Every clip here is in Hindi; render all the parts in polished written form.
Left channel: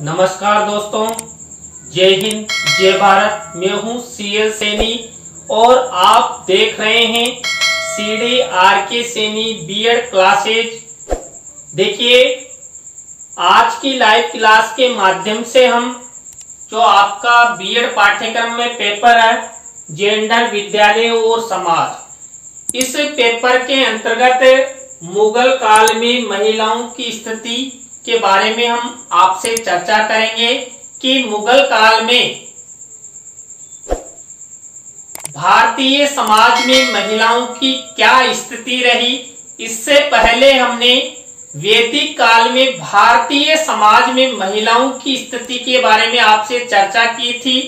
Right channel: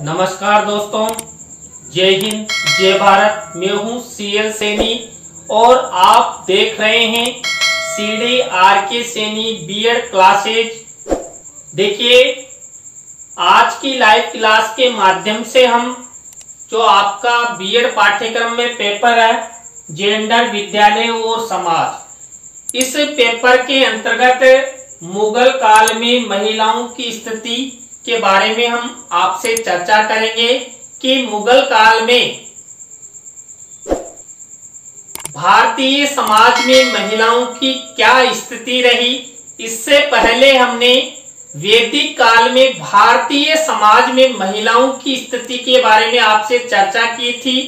नमस्कार दोस्तों, जय हिंद जय भारत। मैं हूं CL सैनी और आप देख रहे हैं CD RK Saini BEd classes. देखिए, आज की लाइव क्लास के माध्यम से हम जो आपका बीएड पाठ्यक्रम में पेपर है जेंडर, विद्यालय और समाज, इस पेपर के अंतर्गत मुगल काल में महिलाओं की स्थिति के बारे में हम आपसे चर्चा करेंगे कि मुगल काल में भारतीय समाज में महिलाओं की क्या स्थिति रही। इससे पहले हमने वैदिक काल में भारतीय समाज में महिलाओं की स्थिति के बारे में आपसे चर्चा की थी।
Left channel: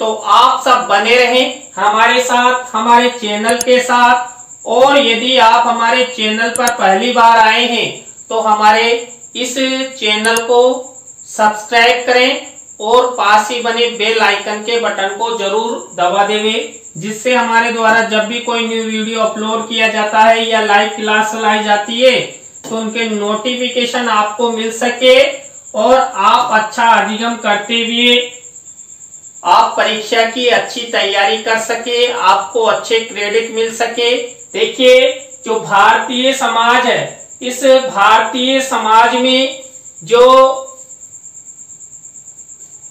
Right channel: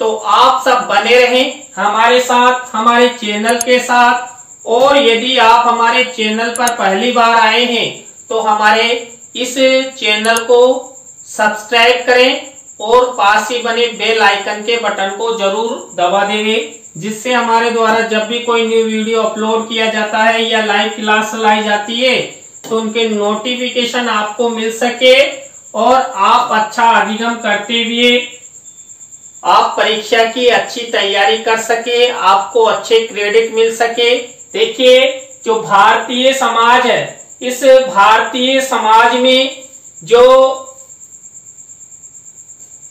तो आप सब बने रहें हमारे साथ, हमारे चैनल के साथ। और यदि आप हमारे चैनल पर पहली बार आए हैं तो हमारे इस चैनल को सब्सक्राइब करें और पास ही बने बेल आइकन के बटन को जरूर दबा देवें, जिससे हमारे द्वारा जब भी कोई न्यू वीडियो अपलोड किया जाता है या लाइव क्लास लाई जाती है तो उनके नोटिफिकेशन आपको मिल सके और आप अच्छा अधिगम करते हुए आप परीक्षा की अच्छी तैयारी कर सके, आपको अच्छे क्रेडिट मिल सके। देखिए, जो भारतीय समाज है, इस भारतीय समाज में जो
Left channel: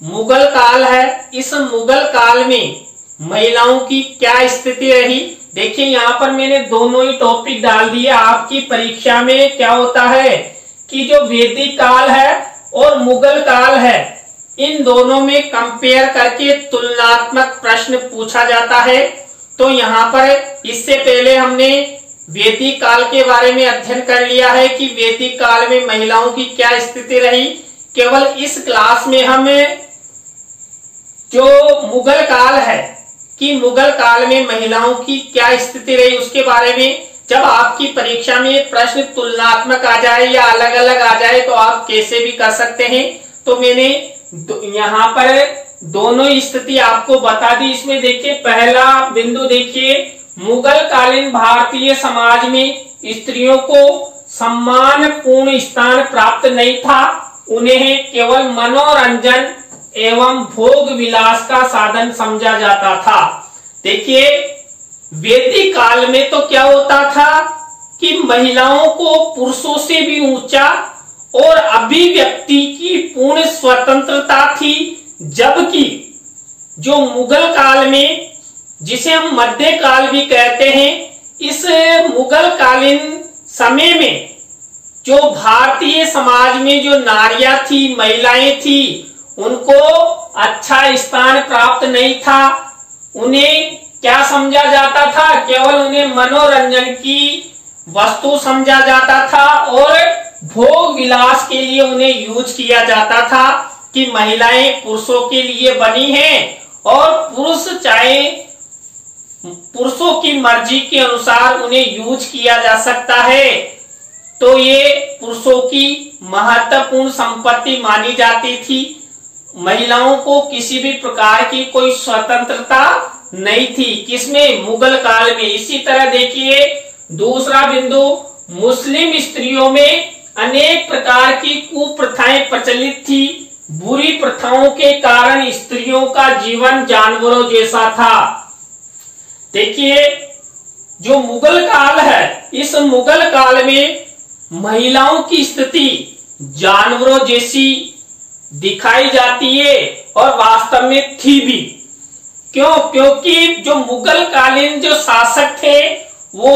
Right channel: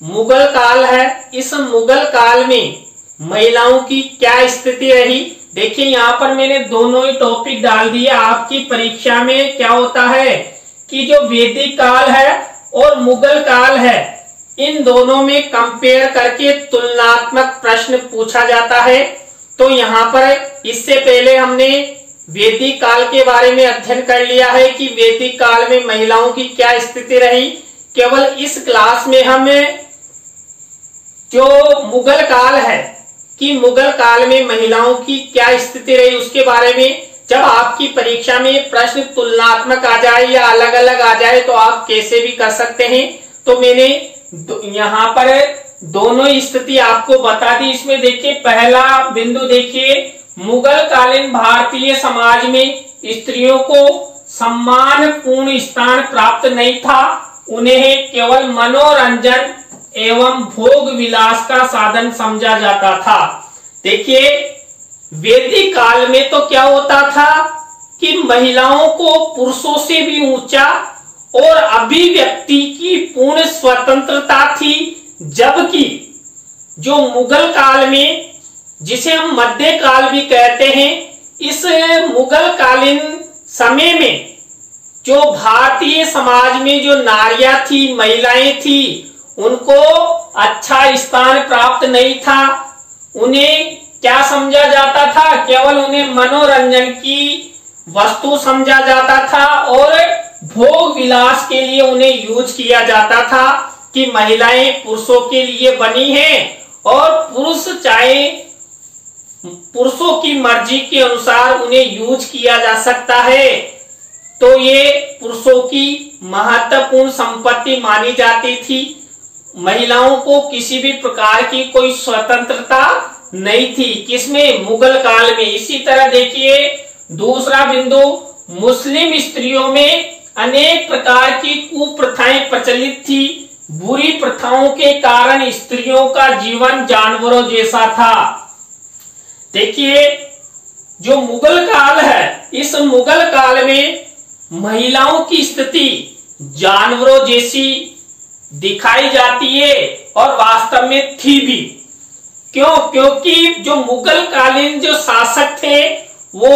मुगल काल है, इस मुगल काल में महिलाओं की क्या स्थिति रही। देखिए, यहाँ पर मैंने दोनों ही टॉपिक डाल दिया। आपकी परीक्षा में क्या होता है कि जो वैदिक काल है और मुगल काल है, इन दोनों में कंपेयर करके तुलनात्मक प्रश्न पूछा जाता है। तो यहाँ पर इससे पहले हमने वैदिक काल के बारे में अध्ययन कर लिया है कि वैदिक काल में महिलाओं की क्या स्थिति रही। केवल इस क्लास में हम जो मुगल काल है कि मुगल काल में महिलाओं की क्या स्थिति रही उसके बारे में, जब आपकी परीक्षा में प्रश्न तुलनात्मक आ जाए या अलग अलग आ जाए तो आप कैसे भी कर सकते हैं। तो मैंने यहाँ पर दोनों स्थिति आपको बता दी। इसमें देखिए, पहला बिंदु देखिए, मुगल कालीन भारतीय समाज में स्त्रियों को सम्मानपूर्ण स्थान प्राप्त नहीं था। उन्हें केवल मनोरंजन एवं भोग विलास का साधन समझा जाता था। देखिए, वैदिक काल में तो क्या होता था कि महिलाओं को पुरुषों से भी ऊंचा और अभिव्यक्ति की पूर्ण स्वतंत्रता थी, जबकि जो मुगल काल में, जिसे हम मध्य काल भी कहते हैं, इस मुगल कालीन समय में जो भारतीय समाज में जो नारियां थी, महिलाएं थी, उनको अच्छा स्थान प्राप्त नहीं था। उन्हें क्या समझा जाता था? केवल उन्हें मनोरंजन की वस्तु समझा जाता था और भोग विलास के लिए उन्हें यूज किया जाता था कि महिलाएं पुरुषों के लिए बनी हैं और पुरुष चाहे पुरुषों की मर्जी के अनुसार उन्हें यूज किया जा सकता है। तो ये पुरुषों की महत्वपूर्ण संपत्ति मानी जाती थी। महिलाओं को किसी भी प्रकार की कोई स्वतंत्रता नहीं थी। किसमें? मुगल काल में। इसी तरह देखिए, दूसरा बिंदु, मुस्लिम स्त्रियों में अनेक प्रकार की कुप्रथाएं प्रचलित थी। बुरी प्रथाओं के कारण स्त्रियों का जीवन जानवरों जैसा था। देखिए, जो मुगल काल है, इस मुगल काल में महिलाओं की स्थिति जानवरों जैसी दिखाई जाती है और वास्तव में थी भी। क्यों? क्योंकि जो मुगल कालीन जो शासक थे वो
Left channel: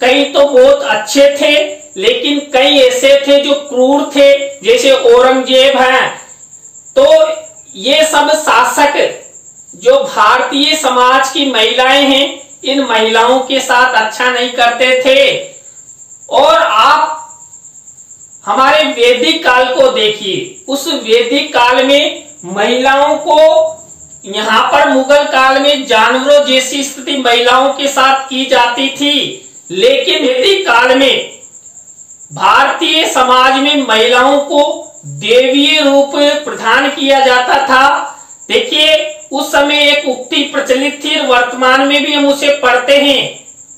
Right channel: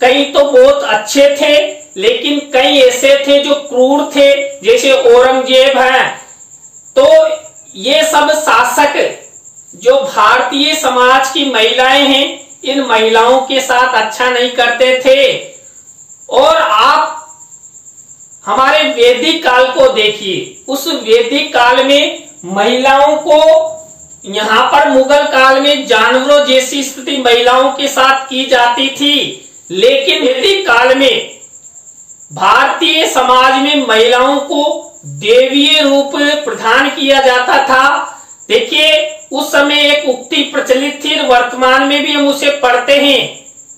कई तो बहुत अच्छे थे, लेकिन कई ऐसे थे जो क्रूर थे, जैसे औरंगजेब हैं। तो ये सब शासक जो भारतीय समाज की महिलाएं हैं, इन महिलाओं के साथ अच्छा नहीं करते थे। और आप हमारे वैदिक काल को देखिए, उस वैदिक काल में महिलाओं को यहाँ पर मुगल काल में जानवरों जैसी स्थिति महिलाओं के साथ की जाती थी, लेकिन वैदिक काल में भारतीय समाज में महिलाओं को देवीय रूप प्रदान किया जाता था। देखिए, उस समय एक उक्ति प्रचलित थी, वर्तमान में भी हम उसे पढ़ते हैं,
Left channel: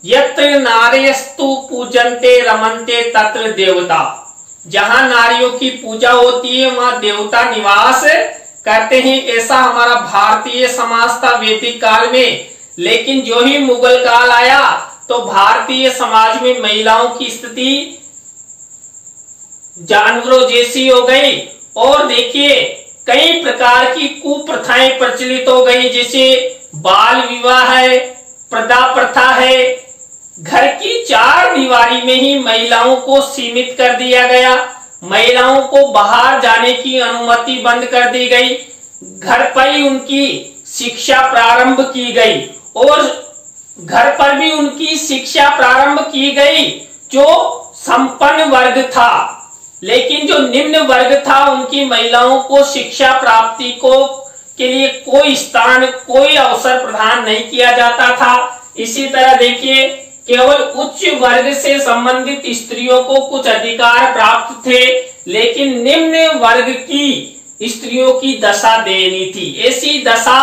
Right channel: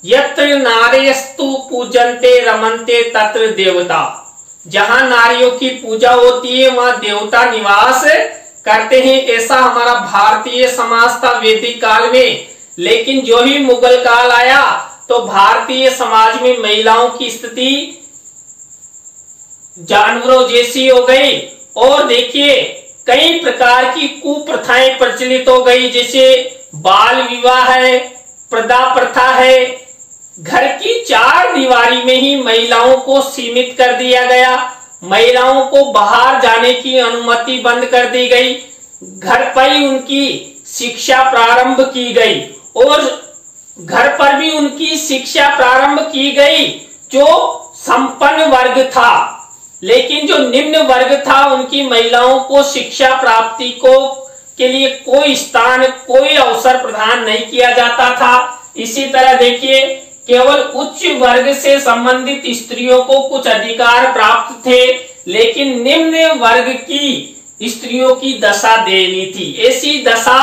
यत्र नार्यस्तु पूजन्ते रमन्ते तत्र देवता। जहां नारियों की पूजा होती है वहां देवता निवास करते हैं। ऐसा हमारा भारतीय समाज था वैदिक काल में। लेकिन जो ही मुगल काल आया तो भारतीय समाज में महिलाओं की स्थिति जानवरों जैसी हो गई। और देखिए कई प्रकार की कुप्रथाएं प्रचलित हो गई, जैसे बाल विवाह है, प्रदा प्रथा है। घर की 4 दीवारी में ही महिलाओं को सीमित कर दिया गया। महिलाओं को बाहर जाने की अनुमति बंद कर दी गई। घर पर ही उनकी शिक्षा प्रारंभ की गई और घर पर भी उनकी शिक्षा प्रारंभ की गई जो संपन्न वर्ग था। लेकिन जो निम्न वर्ग था उनकी महिलाओं को शिक्षा प्राप्ति के लिए कोई स्थान, कोई अवसर प्रदान नहीं किया जाता था। इसी तरह देखिए केवल उच्च वर्ग से संबंधित स्त्रियों को कुछ अधिकार प्राप्त थे, लेकिन निम्न वर्ग की स्त्रियों की दशा दयनीय थी। ऐसी दशा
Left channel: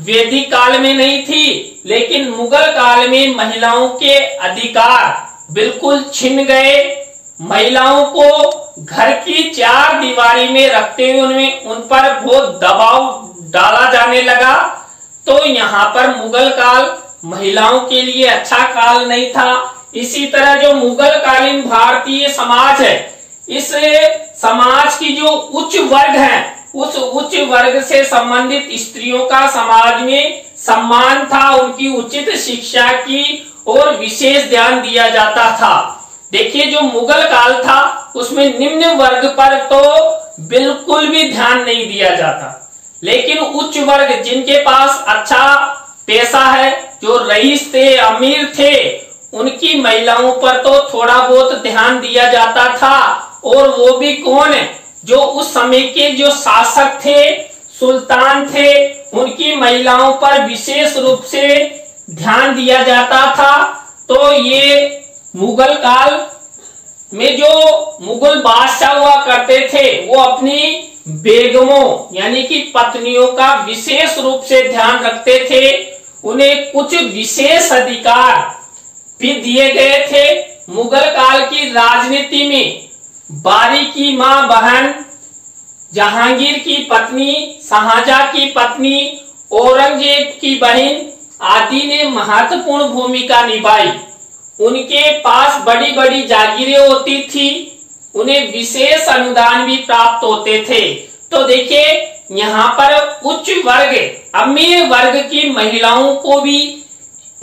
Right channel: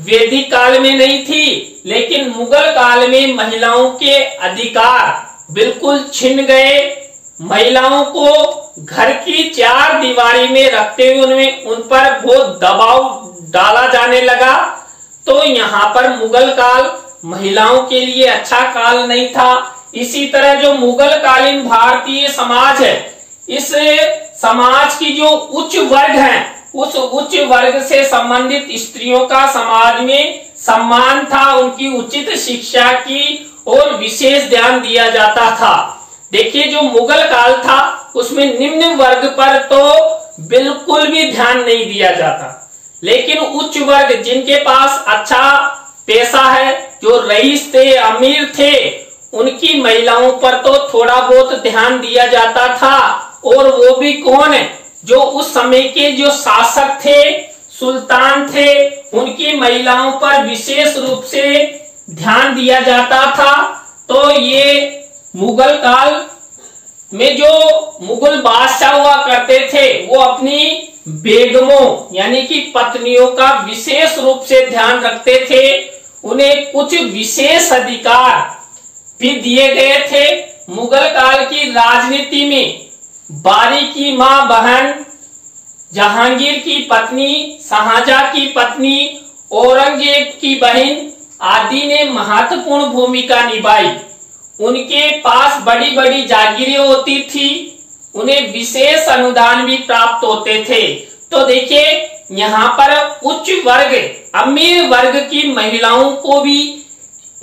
वैदिक काल में नहीं थी, लेकिन मुगल काल में महिलाओं के अधिकार बिल्कुल छिन गए। महिलाओं को घर की 4 दीवारी में रखते हुए उन पर बहुत दबाव डाला जाने लगा। तो यहाँ पर मुगल काल महिलाओं के लिए अच्छा काल नहीं था। इसी तरह जो मुगल कालीन भारतीय समाज है, इस समाज की जो उच्च वर्ग है, उस उच्च वर्ग से संबंधित स्त्रियों का समाज में सम्मान था। उनकी उचित शिक्षा की और विशेष ध्यान दिया जाता था। देखिए जो मुगल काल था उसमें निम्न वर्ग पर तो बिल्कुल भी ध्यान नहीं दिया जाता, लेकिन उच्च वर्ग जिनके पास अच्छा पैसा है, जो रईस थे, अमीर थे, उनकी महिलाओं पर तो थोड़ा बहुत ध्यान दिया जाता था। और वो भी कौन है? जो उस समय के जो शासक थे, सुल्तान थे, उनकी महिलाओं पर विशेष रूप से ध्यान दिया जाता था। तो ये मुगल काल में जो मुगल बादशाह हुआ करते थे वो अपनी बेगमों यानी कि पत्नियों का विशेष रूप से ध्यान रखते थे। उन्हें कुछ विशेष अधिकार भी दिए गए थे। मुगल काल की राजनीति में बारी की मां बहन, जहांगीर की पत्नी, शाहजहां की पत्नी, औरंगजेब की बहन आदि ने महत्वपूर्ण भूमिका निभाई। उनके पास बड़ी बड़ी जागीरें होती थी, उन्हें विशेष अनुदान भी प्राप्त होते थे। तो देखिए यहाँ पर उच्च वर्ग, अमीर वर्ग की महिलाओं को भी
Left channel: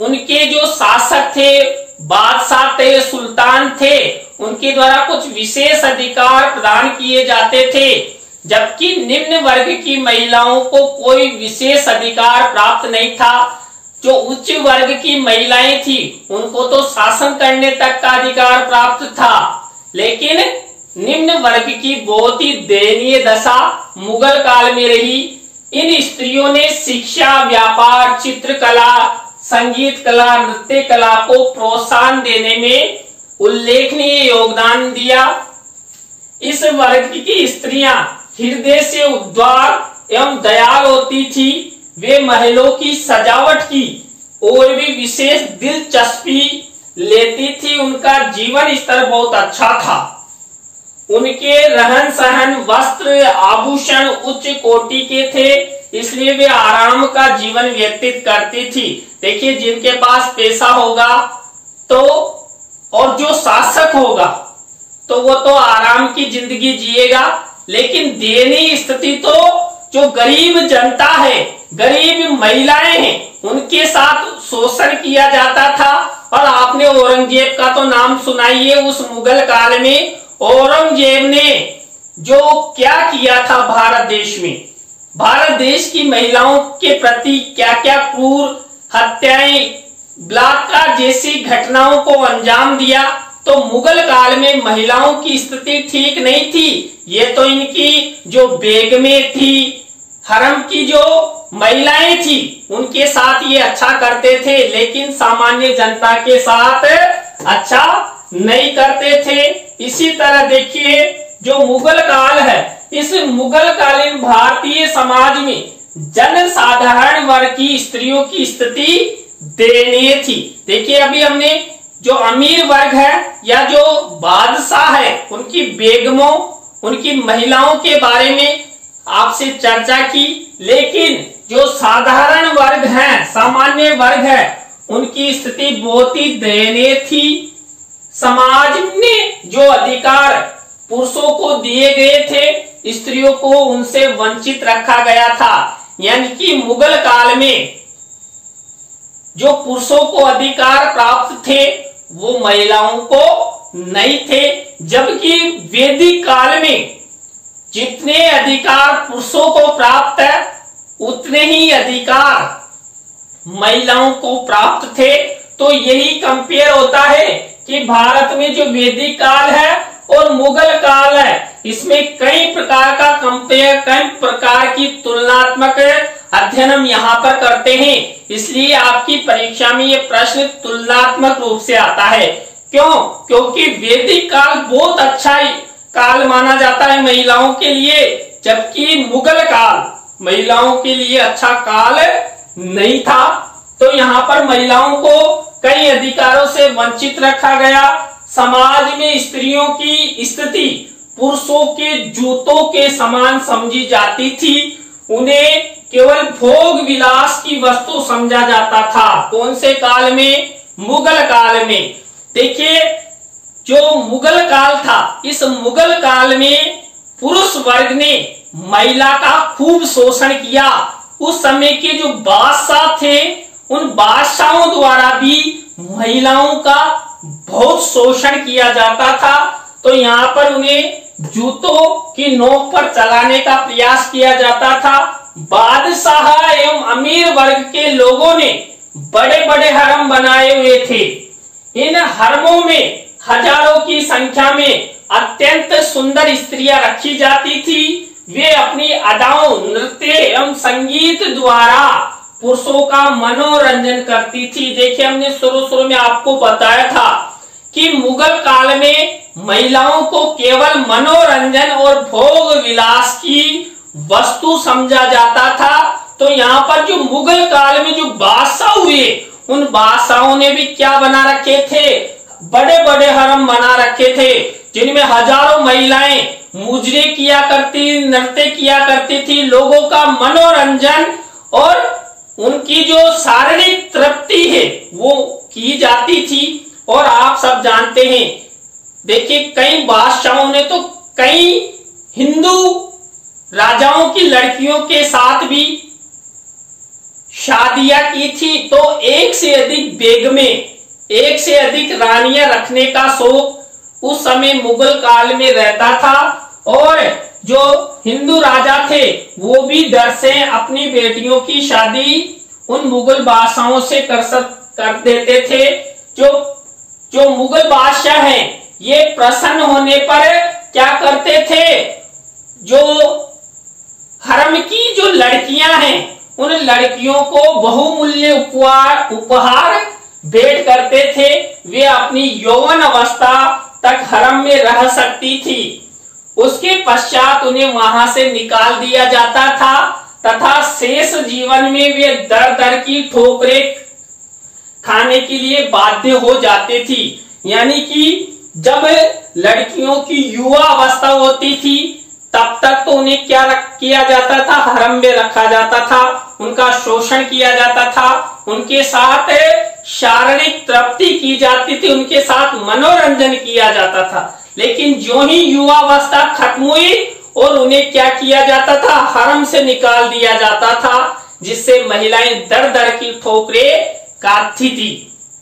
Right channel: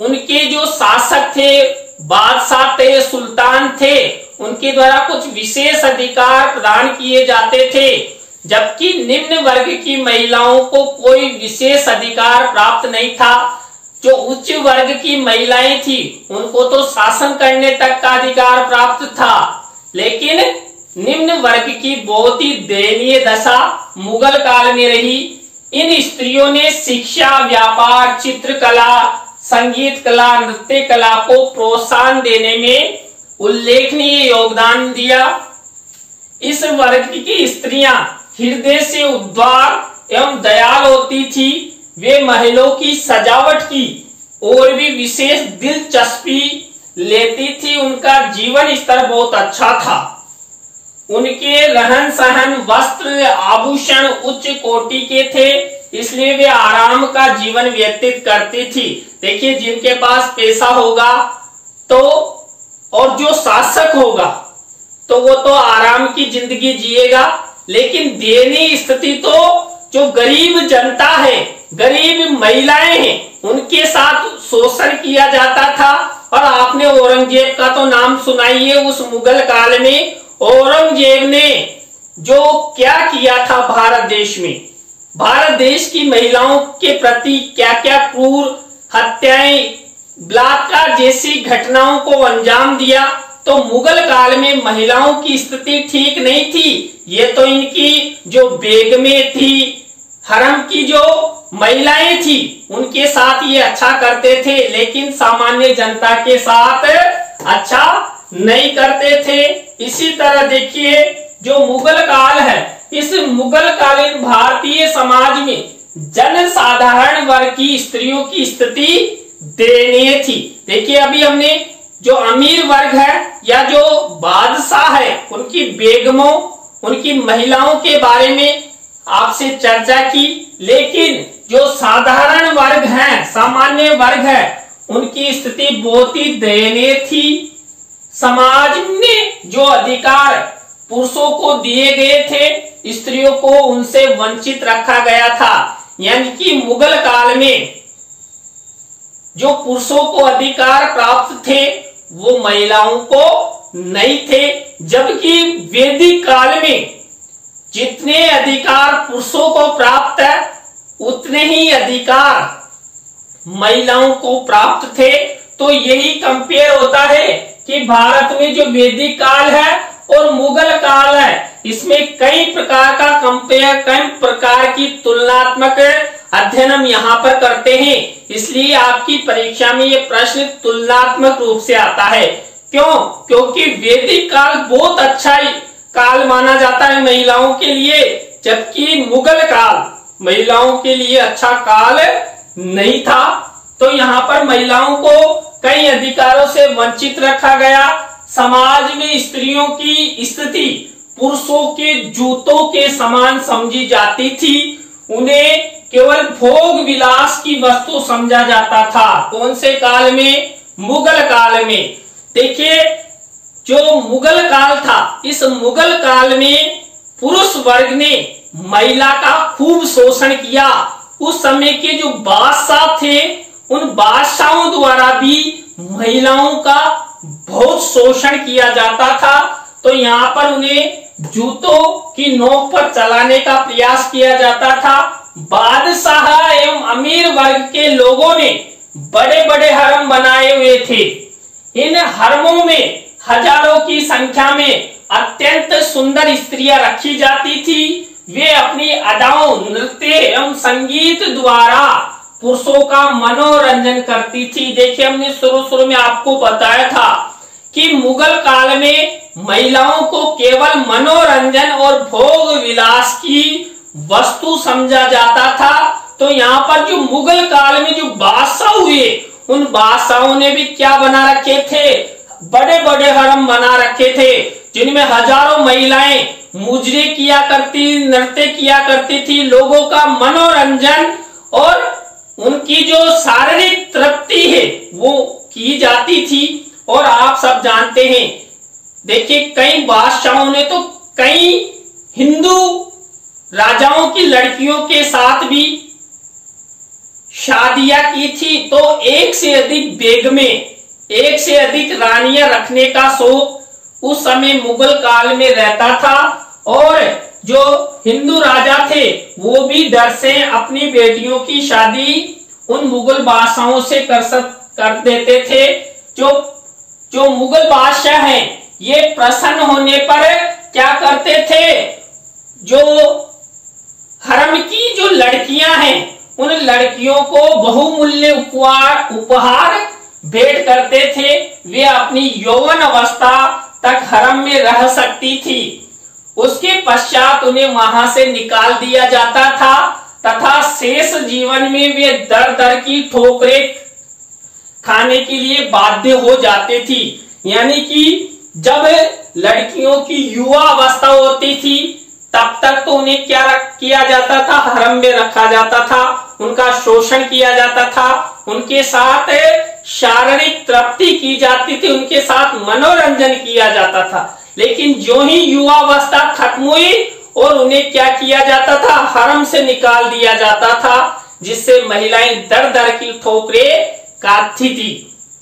उनके जो शासक थे, बादशाह थे, सुल्तान थे, उनके द्वारा कुछ विशेष अधिकार प्रदान किए जाते थे। जबकि निम्न वर्ग की महिलाओं को कोई विशेष अधिकार प्राप्त नहीं था। जो उच्च वर्ग की महिलाएं थी उनको तो शासन करने तक का अधिकार प्राप्त था, लेकिन निम्न वर्ग की बहुत ही दयनीय दशा मुगल काल में रही। इन स्त्रियों ने शिक्षा, व्यापार, चित्रकला, संगीत कला, नृत्य कला को प्रोत्साहन देने में उल्लेखनीय योगदान दिया। इस वर्ग की स्त्रियां हृदय से उदार एवं दयाल होती थी। वे महलों की सजावट की और भी विशेष दिलचस्पी लेती थी। उनका जीवन स्तर बहुत अच्छा था। उनके रहन सहन, वस्त्र, आभूषण उच्च कोटि के थे, इसलिए वे आराम का जीवन व्यतीत करती थी। देखिए जिनके पास पैसा होगा तो और जो शासक होगा तो वो तो आराम की जिंदगी जिएगा, लेकिन दयनीय स्थिति तो जो गरीब जनता है, गरीब महिलाएं हैं, उनके साथ शोषण किया जाता था। और आपने औरंगजेब का तो नाम सुनाई है। उस मुगल काल में औरंगजेब ने जो क्या किया था भारत देश में, भारत देश की महिलाओं के प्रति क्या क्या क्रूर हत्याएं, बलात्कार जैसी घटनाओं को अंजाम दिया। तो मुगल काल में महिलाओं की स्थिति ठीक नहीं थी। ये तो इनकी जो बेगमें थी, हरम की जो महिलाएं थी, उनके साथ ये अच्छा करते थे, लेकिन सामान्य जनता के साथ अच्छा नहीं करते थे। इसी तरह देखिए जो मुगल काल है, इस मुगल कालीन भारतीय समाज में जनसाधारण वर्ग की स्त्रियों की स्थिति दयनीय थी। देखिए अभी हमने जो अमीर वर्ग है या जो बादशाह है उनकी बेगमों, उनकी महिलाओं के बारे में आपसे चर्चा की। लेकिन जो साधारण वर्ग है, सामान्य वर्ग है, उनकी स्थिति बहुत ही दयनीय थी। समाज में जो अधिकार पुरुषों को दिए गए थे, स्त्रियों को उनसे वंचित रखा गया था। यानी कि मुगल काल में जो पुरुषों को अधिकार प्राप्त थे वो महिलाओं को नहीं थे, जबकि वैदिक काल में जितने अधिकार पुरुषों को प्राप्त है उतने ही अधिकार महिलाओं को प्राप्त थे। तो यही कंपेयर होता है कि भारत में जो वैदिक काल है और मुगल काल है, इसमें कई प्रकार का कंपेयर, कई प्रकार की तुलनात्मक अध्ययन हम यहाँ पर करते हैं। इसलिए आपकी परीक्षा में ये प्रश्न तुलनात्मक रूप से आता है। क्यों? क्योंकि वैदिक काल बहुत अच्छा काल माना जाता है महिलाओं के लिए, जबकि मुगल काल महिलाओं के लिए अच्छा काल नहीं था। तो यहाँ पर महिलाओं को कई अधिकारों से वंचित रखा गया। समाज में स्त्रियों की स्थिति पुरुषों के जूतों के समान समझी जाती थी। उन्हें केवल भोग विलास की वस्तु समझा जाता था। कौन से काल में? मुगल काल में। देखिए, जो मुगल काल था, इस मुगल काल में पुरुष वर्ग ने महिला का खूब शोषण किया। उस समय के जो बादशाह थे, उन बादशाहों द्वारा भी महिलाओं का बहुत शोषण किया जाता था। तो यहाँ पर उन्हें जूतों की नोक पर चलाने का प्रयास किया जाता था। बादशाह एवं अमीर वर्ग के लोगों ने बड़े बड़े हरम बनाए हुए थे। इन हरमों में हजारों की संख्या में अत्यंत सुंदर स्त्रियां रखी जाती थी। वे अपनी अदाओं, नृत्य एवं संगीत द्वारा पुरुषों का मनोरंजन करती थी। देखिए, हमने शुरू में आपको बताया था कि मुगल काल में महिलाओं को केवल मनोरंजन और भोग विलास की वस्तु समझा जाता था। तो यहाँ पर जो मुगल काल में जो बादशाह हुए, उन बादशाहों ने भी क्या बना रखे थे? बड़े बड़े हरम बना रखे थे, जिनमें हजारों महिलाएं मुजरे किया करती, नृत्य किया करती थी। लोगों का मनोरंजन और उनकी जो शारीरिक तृप्ति है वो की जाती थी। और आप सब जानते हैं, देखिए, कई बादशाहों ने तो कई हिंदू राजाओं की लड़कियों के साथ भी शादियां की थी। तो एक से अधिक बेगमें, एक से अधिक रानियां रखने का शौक उस समय मुगल काल में रहता था। और जो हिंदू राजा थे वो भी डर से अपनी बेटियों की शादी उन मुगल बादशाहों से कर देते थे। जो मुगल बादशाह हैं, ये प्रसन्न होने पर क्या करते थे? जो हरम की जो लड़कियां हैं, उन लड़कियों को बहुमूल्य उपहार भेंट करते थे। वे अपनी यौवन अवस्था तक हरम में रह सकती थी। उसके पश्चात उन्हें वहां से निकाल दिया जाता था तथा शेष जीवन में वे दर दर की ठोकरें खाने के लिए बाध्य हो जाती थी। यानी कि जब लड़कियों की युवा अवस्था होती थी, तब तक तो उन्हें क्या किया जाता था? हरम में रखा जाता था, उनका शोषण किया जाता था, उनके साथ शारीरिक तृप्ति की जाती थी, उनके साथ मनोरंजन किया जाता था। लेकिन जो ही युवा अवस्था खत्म हुई और उन्हें क्या किया जाता था? हरम से निकाल दिया जाता था, जिससे महिलाएं दर दर की ठोकरें काटती थी।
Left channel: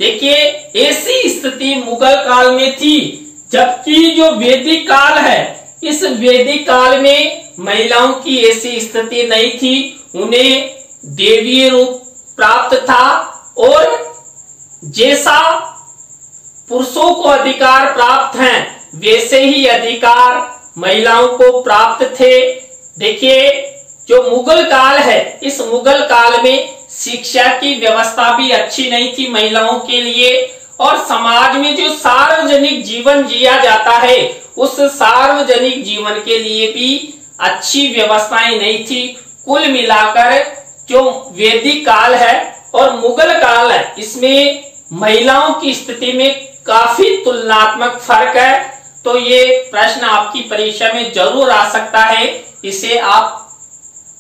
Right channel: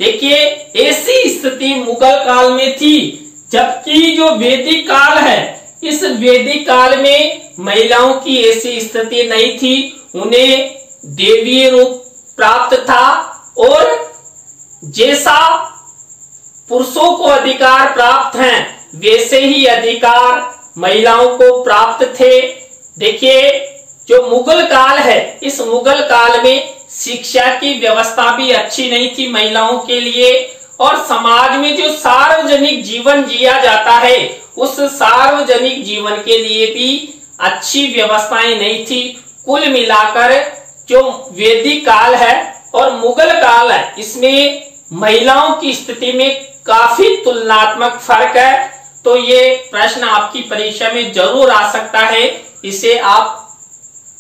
देखिए, ऐसी स्थिति मुगल काल में थी। जबकि जो वैदिक काल है, इस वैदिक काल में महिलाओं की ऐसी स्थिति नहीं थी। उन्हें देवीय रूप प्राप्त था और जैसा पुरुषों को अधिकार प्राप्त हैं, वैसे ही अधिकार महिलाओं को प्राप्त थे। देखिए, जो मुगल काल है, इस मुगल काल में शिक्षा की व्यवस्था भी अच्छी नहीं थी महिलाओं के लिए। और समाज में जो सार्वजनिक जीवन जिया जाता है, उस सार्वजनिक जीवन के लिए भी अच्छी व्यवस्थाएं नहीं थी। कुल मिलाकर जो वैदिक काल है और मुगल काल है, इसमें महिलाओं की स्थिति में काफी तुलनात्मक फर्क है। तो ये प्रश्न आपकी परीक्षा में जरूर आ सकता है, इसे आप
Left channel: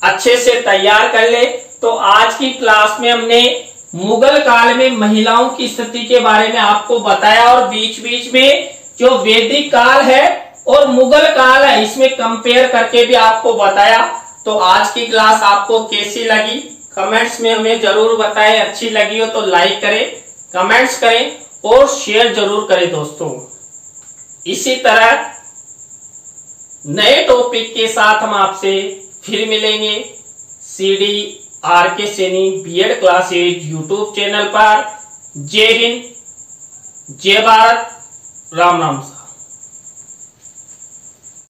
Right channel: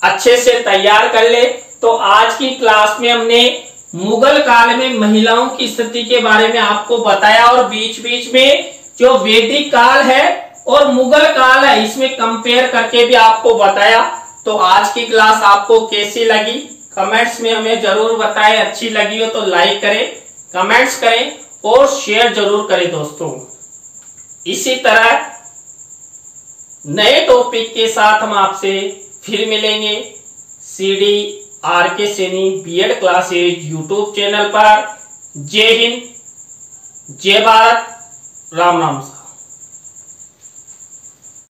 अच्छे से तैयार कर ले। तो आज की क्लास में हमने मुगल काल में महिलाओं की स्थिति के बारे में आपको बताया और बीच बीच में जो वैदिक काल है और मुगल काल है इसमें कंपेयर करके भी आपको बताया। तो आज की क्लास आपको कैसी लगी कमेंट्स में हमें जरूर बताएं। अच्छी लगी हो तो लाइक करें, कमेंट्स करें और शेयर जरूर करें दोस्तों। इसी तरह नए टॉपिक के साथ हम आपसे फिर मिलेंगे CD RK Saini B.Ed classes YouTube channel पर। जय हिंद, जय भारत, राम राम।